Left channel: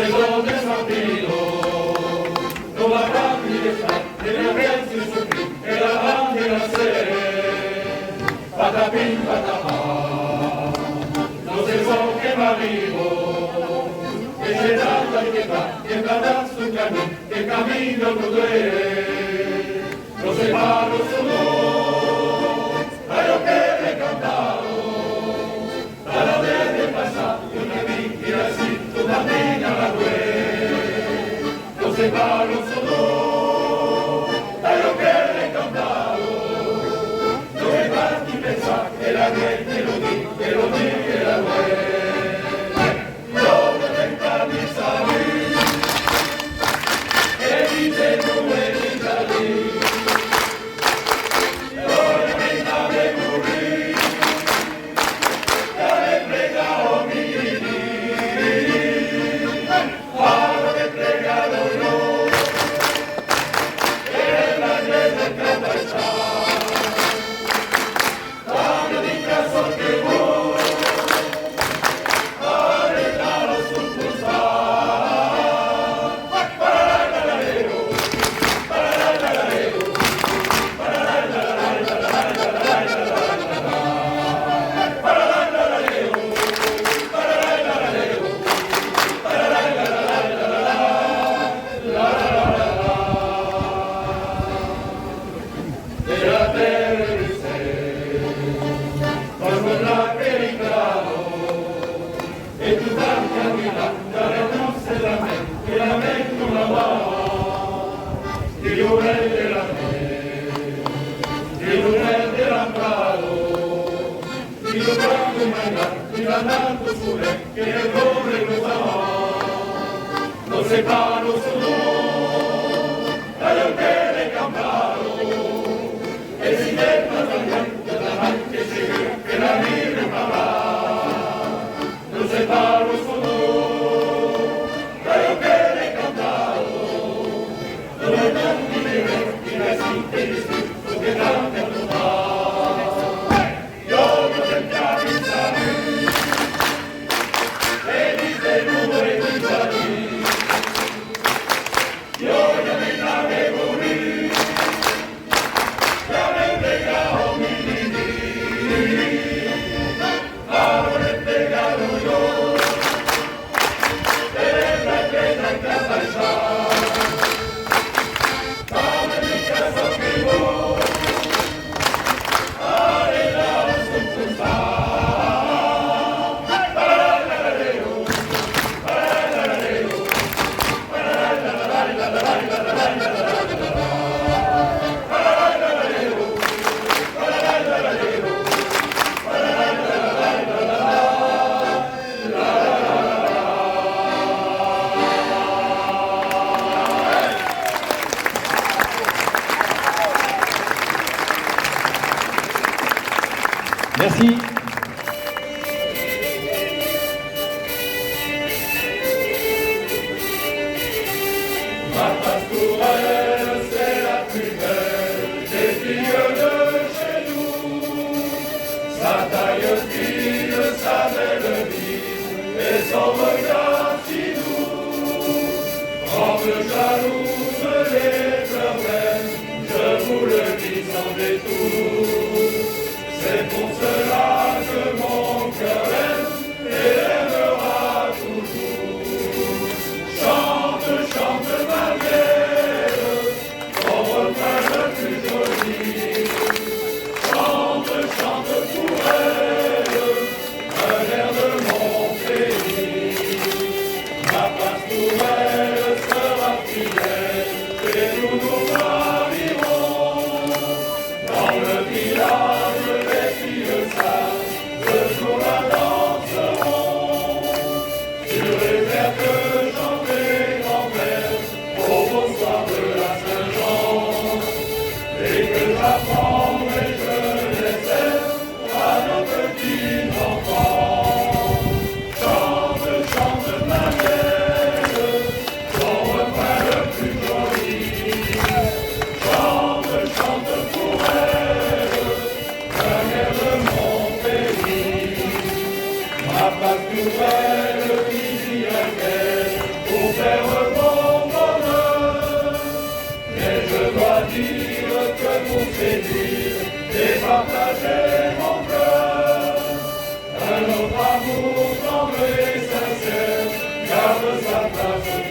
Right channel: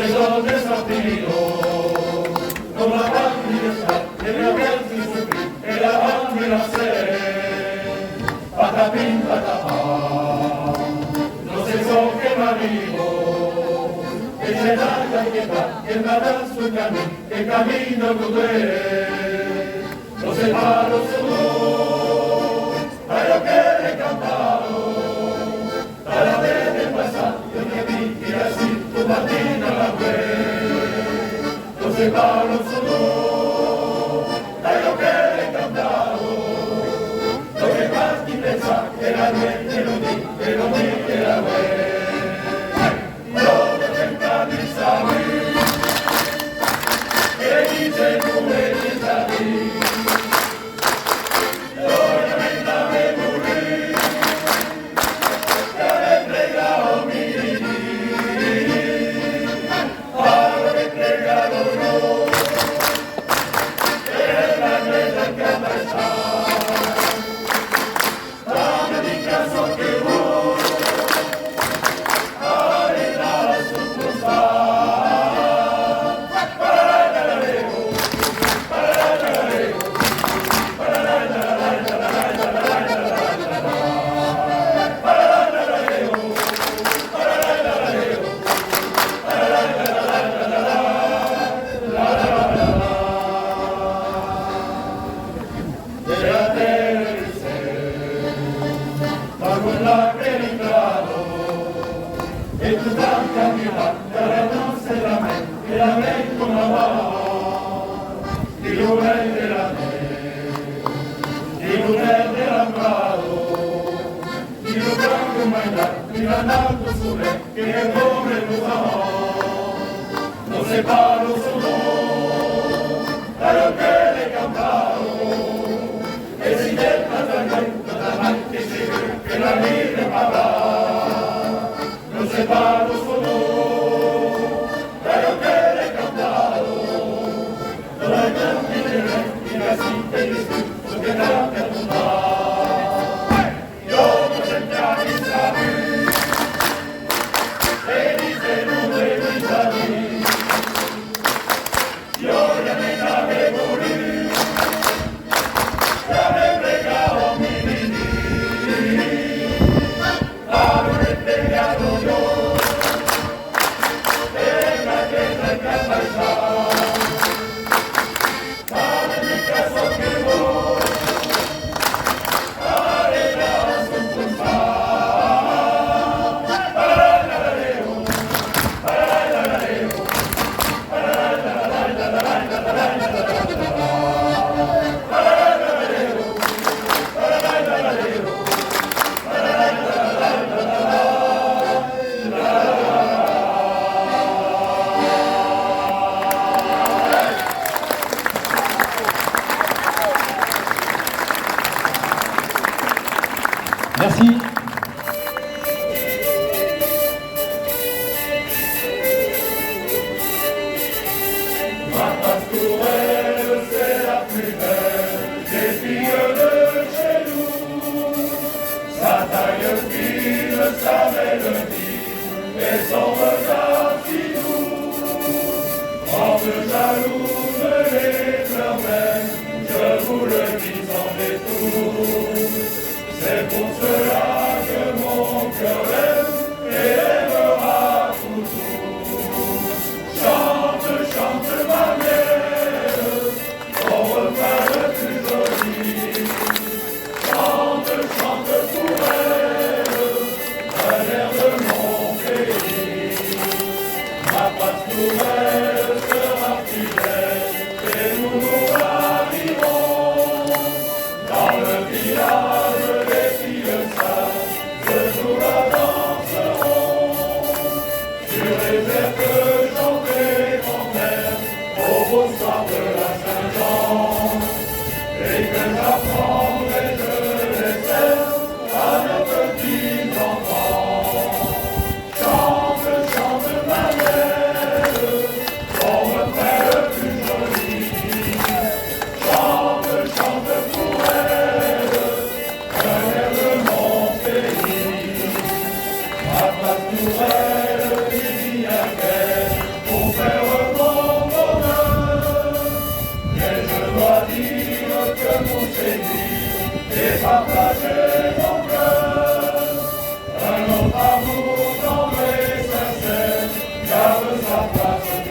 sé dónde es nacido, no la patria está, tiene verso y sufrir, el avance nacer, patapín, patapá, no sé son que marido, que se da la que dará su camino, que camino tuve, no sé paro su voz, a lo que le he cantado, para ver el pasado, yo me vi y así tu patina la fue, no sé paro su voz, a lo que le he cantado, no me vas ni pensar, que la gente que lo di, que la fue. No se paro solo, a lo que le he cantado, es independiente la mal que se que la libre para. No se paro solo, a lo que le he cantado, no hay tanto que ver, y así que disfruto que da que apuntar. Yo no te avisar. Merci. Ma pastourelle, c'est la plus belle des filles de chez nous. Sa taille fine, sa mélodie et son regard si doux. Grande jalouse, les fleurs belles, je vous le dis sans détour. C'est pour cela que mon cœur aime et aimera toujours. Chante, chante ma mienne, ton refrain le plus joli. Chante, chante pour elle, un air de mon pays. Ma pastourelle sera fidèle et nous nous marierons dans le village. Chante, chante ma belle, sa place.